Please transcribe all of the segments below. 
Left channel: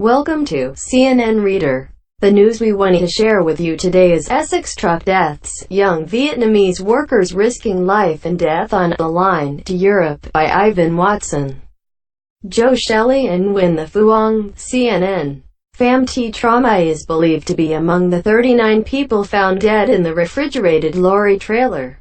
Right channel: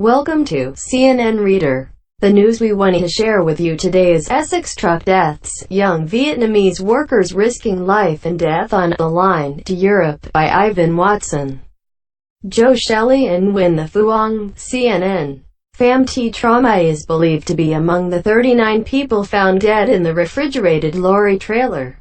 Welcome to CNN Reader. The news we want to share with you today is Essex truck deaths, young Vietnamese workers risking life and death on the line to Europe, by Ivan Watson. Joe Shelley and Nguyen the Phuong, CNN. Pham Thi Tra My is believed to be among the 39 people found dead in the refrigerated lorry trailer.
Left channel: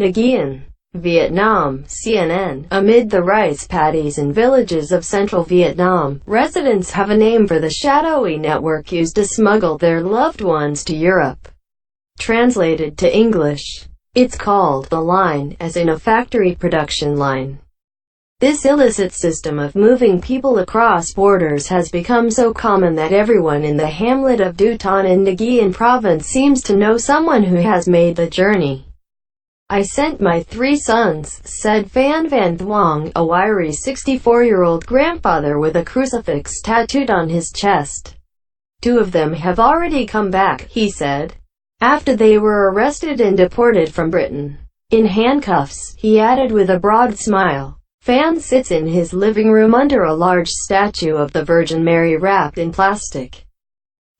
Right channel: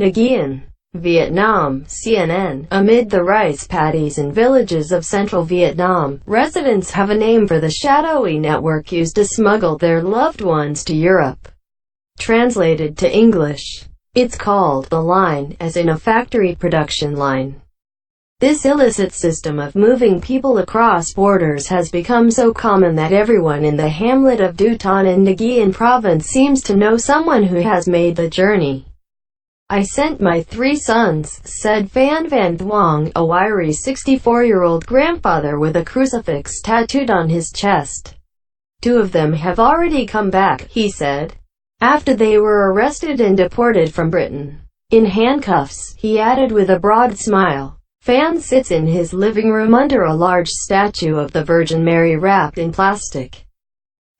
Nguyen, Vietnam, CNN. Amid the rice paddies and villages of central Vietnam, residents have a name for the shadowy network used to smuggle their loved ones to Europe. Translated to English, it's called the line, as in a factory production line. This illicit system of moving people across borders has become so common that everyone in the hamlet of Du Ton in Nguyen province seems to know someone who has made the journey. "I sent my 3 sons," said Phan Thi Tra, a wiry 64-year-old grandfather with a crucifix tattooed on his chest. "2 of them have already come back," he said, after they were arrested and deported from Britain. In handcuffs, he added with a broad smile. Phan sits in his living room under a large statue of the Virgin Mary wrapped in plastic,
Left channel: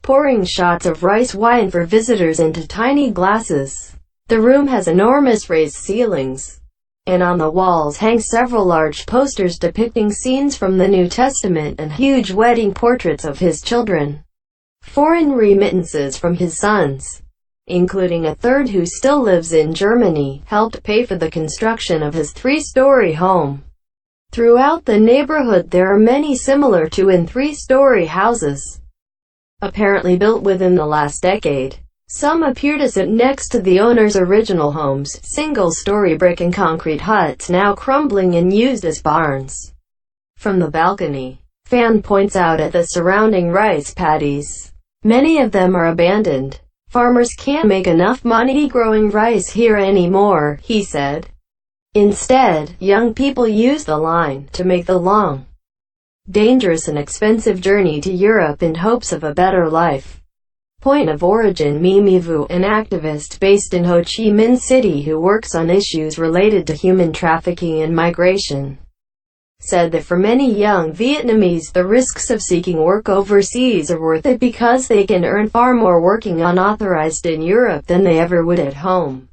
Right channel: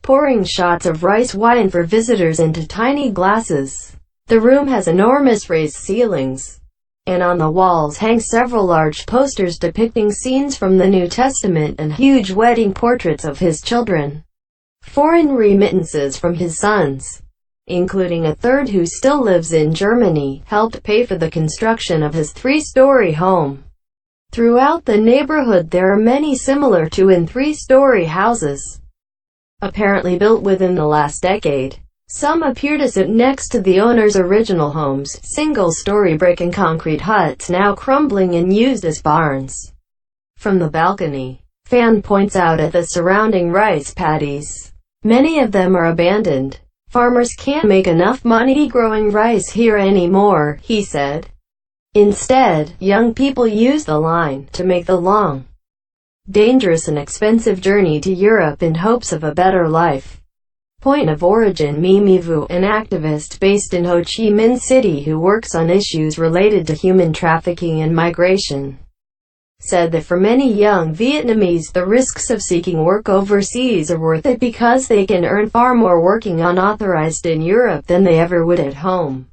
pouring shots of rice wine for visitors into tiny glasses. The room has enormous raised ceilings, and on the walls hang several large posters depicting scenes from the New Testament and huge wedding portraits of his children. Foreign remittances from his sons, including a third who still lives in Germany, helped pay for the construction of his 3-story home. Throughout the neighborhood there are many similar 2- and 3-story houses, apparently built within the last decade. Some appear to sit next to the owner's original homes, single-story brick and concrete huts now crumbling and used as barns. From the balcony, Phan points out at the surrounding rice paddies. Many of them are abandoned. "Farmers can't make enough money growing rice here anymore," he said. Instead, young people use the line to make the long, dangerous and expensive journey to Europe in hopes of a better life. Point of origin Mimi Vu, an activist based in Ho Chi Minh City who works on issues related to human trafficking and migration, said that for many young Vietnamese, the risks of seeking work overseas are worth it because they can earn far more working unauthorized in Europe than they ever would at home.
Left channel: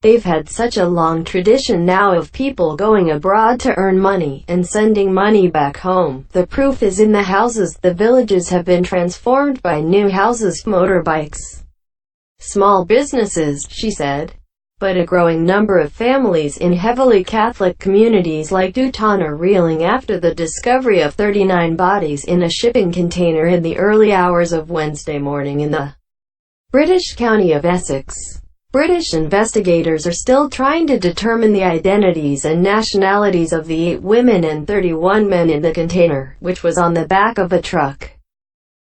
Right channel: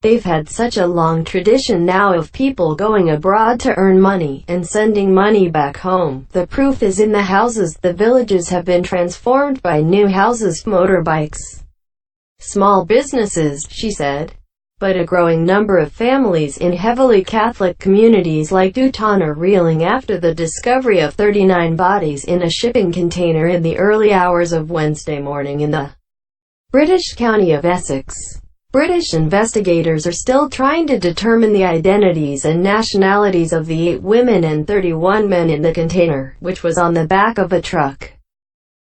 "They've had such a long tradition now of people going abroad to earn money, and sending money back home. The proof is in the houses. The villages have been transformed by new houses, motorbikes, small businesses," she said. But a growing number of families in heavily Catholic communities like Du Ton are reeling after the discovery of 39 bodies in a shipping container in the early hours of Wednesday morning in the British county of Essex. British investigators are still trying to determine the identities and nationalities of the 8 women and 31 men in the container, which was on the back of a truck.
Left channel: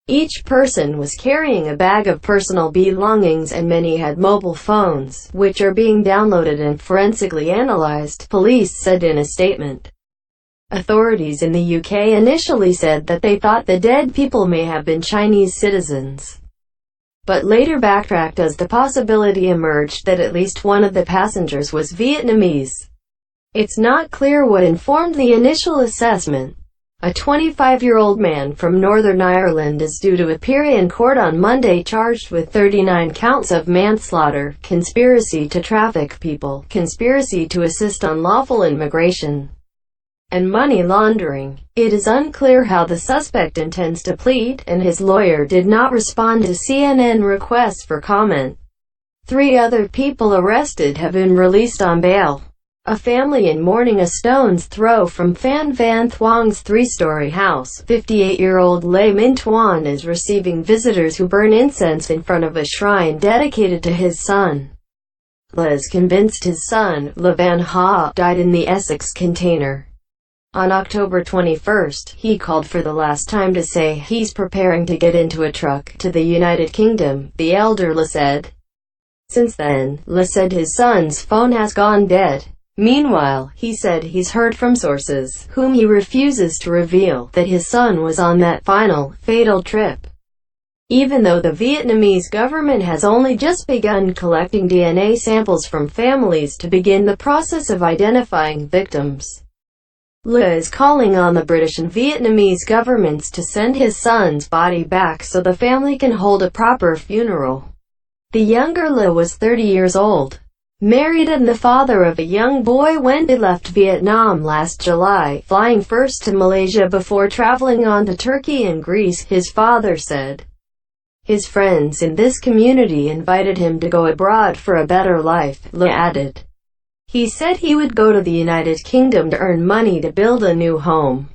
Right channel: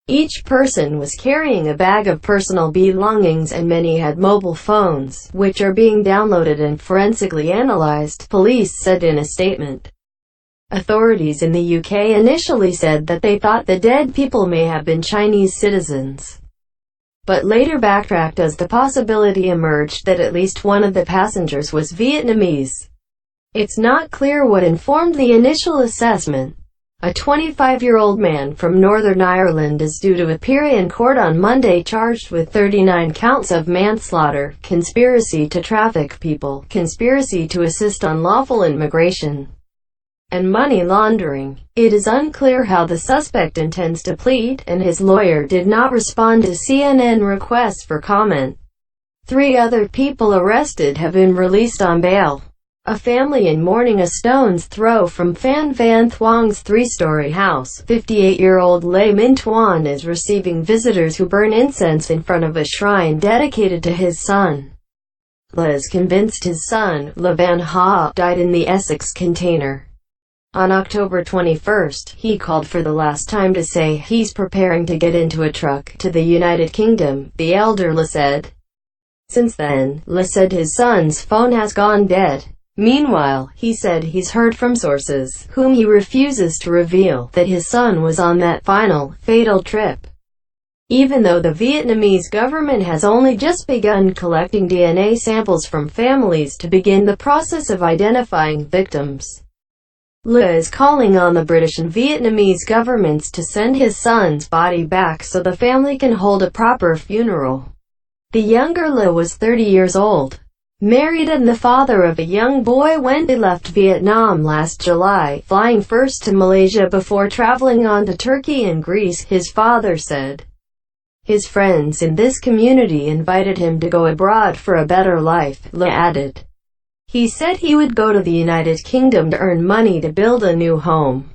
Each person was carrying a bag of personal belongings and many had mobile phones, which are being downloaded and forensically analyzed, police said in a statement. Authorities in the UK initially said that they thought the dead people may have been Chinese citizens, but later backtracked as the possibility emerged that at least one of the passengers was Vietnamese. It's not clear what informed the initial assessment. A 25-year-old man from Northern Ireland is due to appear in court on Monday charged with 39 counts of manslaughter, conspiracy to traffic people, conspiracy to assist unlawful immigration, and money laundering. It is unclear how the suspect intends to plead, and his lawyer did not respond to CNN requests for comment. 3 other people arrested have been released on bail. A family in mourning a stone's throw from Phan Thi Tra's 3-story house. 58-year-old Le Minh Tuan is receiving visitors who burn incense in front of a shrine dedicated to his son. Le is convinced his son, Le Van Ha, died in the Essex container. On October 21, he called for the last time to say he's preparing to get into a truck to the United Kingdom, the elder Le said. Since then, Le said his son's phone has gone dead. Meanwhile, he said he's heard from sources, whom he refuses to reveal, that his son was on that final, fatal trip. Even though the Vietnamese government has only just begun collecting DNA samples from families to begin the process of identifying victims. Le is calling on the British and Vietnamese governments to send his son's body back so the family can hold a proper funeral. The younger Le was 30 years old, married and the father of a young boy when he left Vietnam last July, flying first to Malaysia before traveling on to Turkey and Greece, his father said. His friends in this community invited him to go abroad for a better life, Le added. He said he would go to the United Kingdom to earn money to build a new home.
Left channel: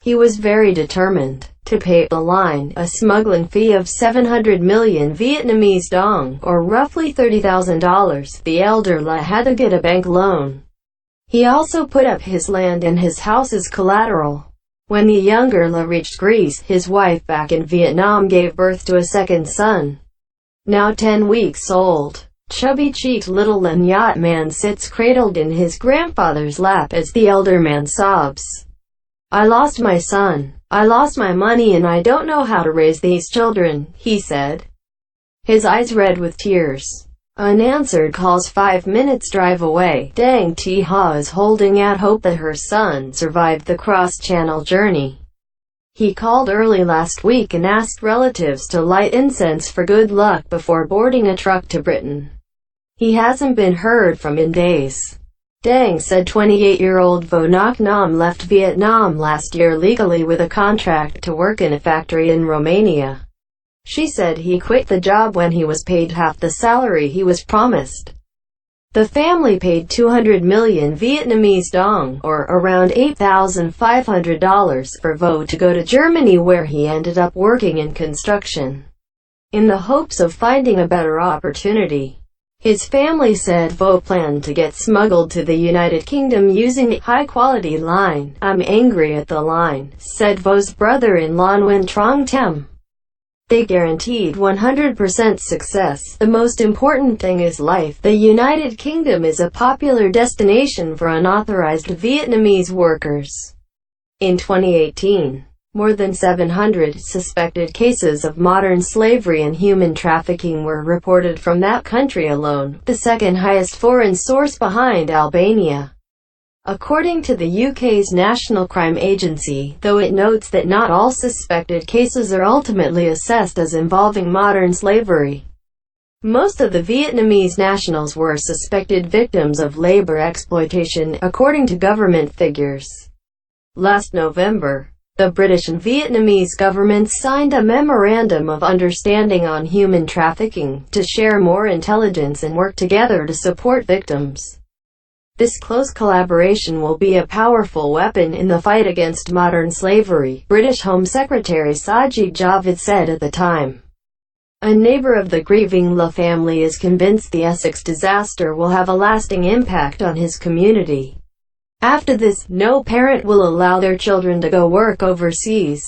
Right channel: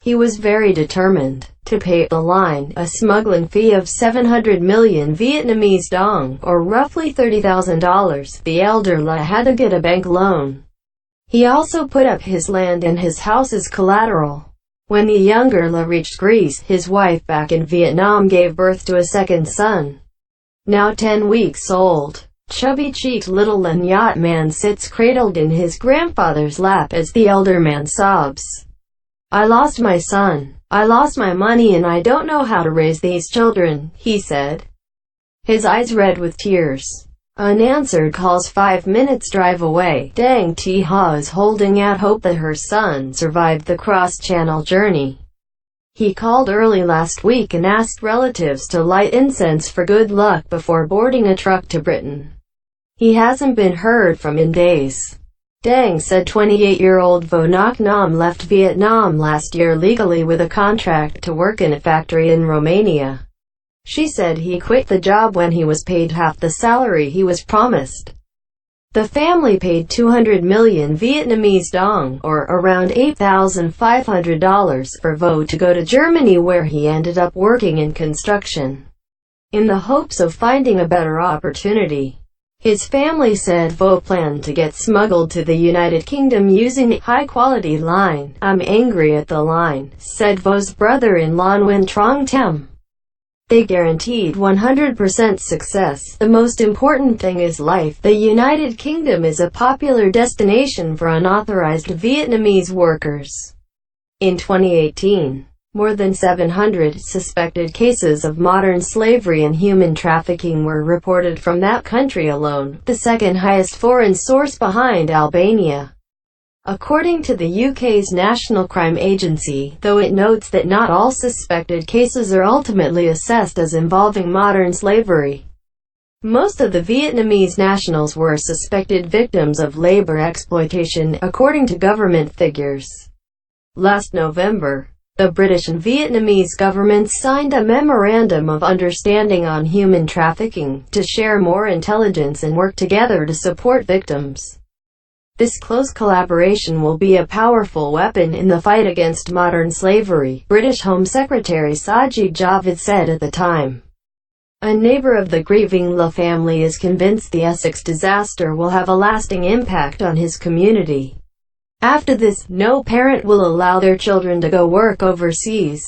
He was very determined to pay the line, a smuggling fee of 700 million Vietnamese dong, or roughly $30,000. The elder Le had to get a bank loan. He also put up his land and his house as collateral. When the younger Le reached Greece, his wife back in Vietnam gave birth to a second son, now 10 weeks old. Chubby-cheeked little Nguyen man sits cradled in his grandfather's lap as the elder man sobs. "I lost my son. I lost my money and I don't know how to raise these children," he said, his eyes red with tears. Unanswered calls 5 minutes drive away. Dang Thi Ha is holding out hope that her son survived the cross-channel journey. He called early last week and asked relatives to light incense for good luck before boarding a truck to Britain. He hasn't been heard from in days. Dang said 28-year-old Vo Ngoc Nam left Vietnam last year legally with a contract to work in a factory in Romania. She said he quit the job when he was paid half the salary he was promised. The family paid 200 million Vietnamese dong, or around $8,500, for Vo to go to Germany where he ended up working in construction, in the hopes of finding a better opportunity. His family said Vo planned to get smuggled to the United Kingdom using the high-quality line. "I'm angry at the line," said Vo's brother-in-law Nguyen Trong Tem. "They guaranteed 100% success. The most important thing is life. The United Kingdom is a popular destination for unauthorized Vietnamese workers." In 2018, more than 700 suspected cases of modern slavery and human trafficking were reported from that country alone, the second highest foreign source behind Albania, according to the UK's National Crime Agency, though it notes that not all suspected cases are ultimately assessed as involving modern slavery. Most of the Vietnamese nationals were suspected victims of labor exploitation, according to government figures. Last November, the British and Vietnamese governments signed a Memorandum of Understanding on Human Trafficking, to share more intelligence and work together to support victims. This close collaboration will be a powerful weapon in the fight against modern slavery, British Home Secretary Sajid Javid said at the time. A neighbor of the grieving Le family is convinced the Essex disaster will have a lasting impact on his community. After this, no parent will allow their children to go work overseas,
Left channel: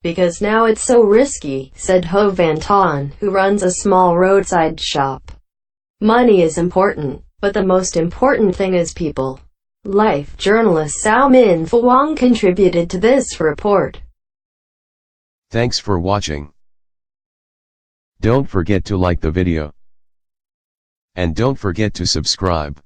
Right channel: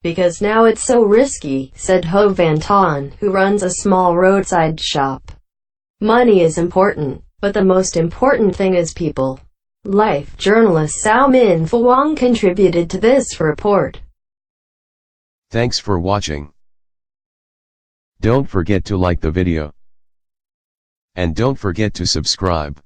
because now it's so risky, said Ho Van Ton, who runs a small roadside shop. "Money is important, but the most important thing is people." Life journalist Sao Min Phuong contributed to this report. Thanks for watching. Don't forget to like the video. And don't forget to subscribe.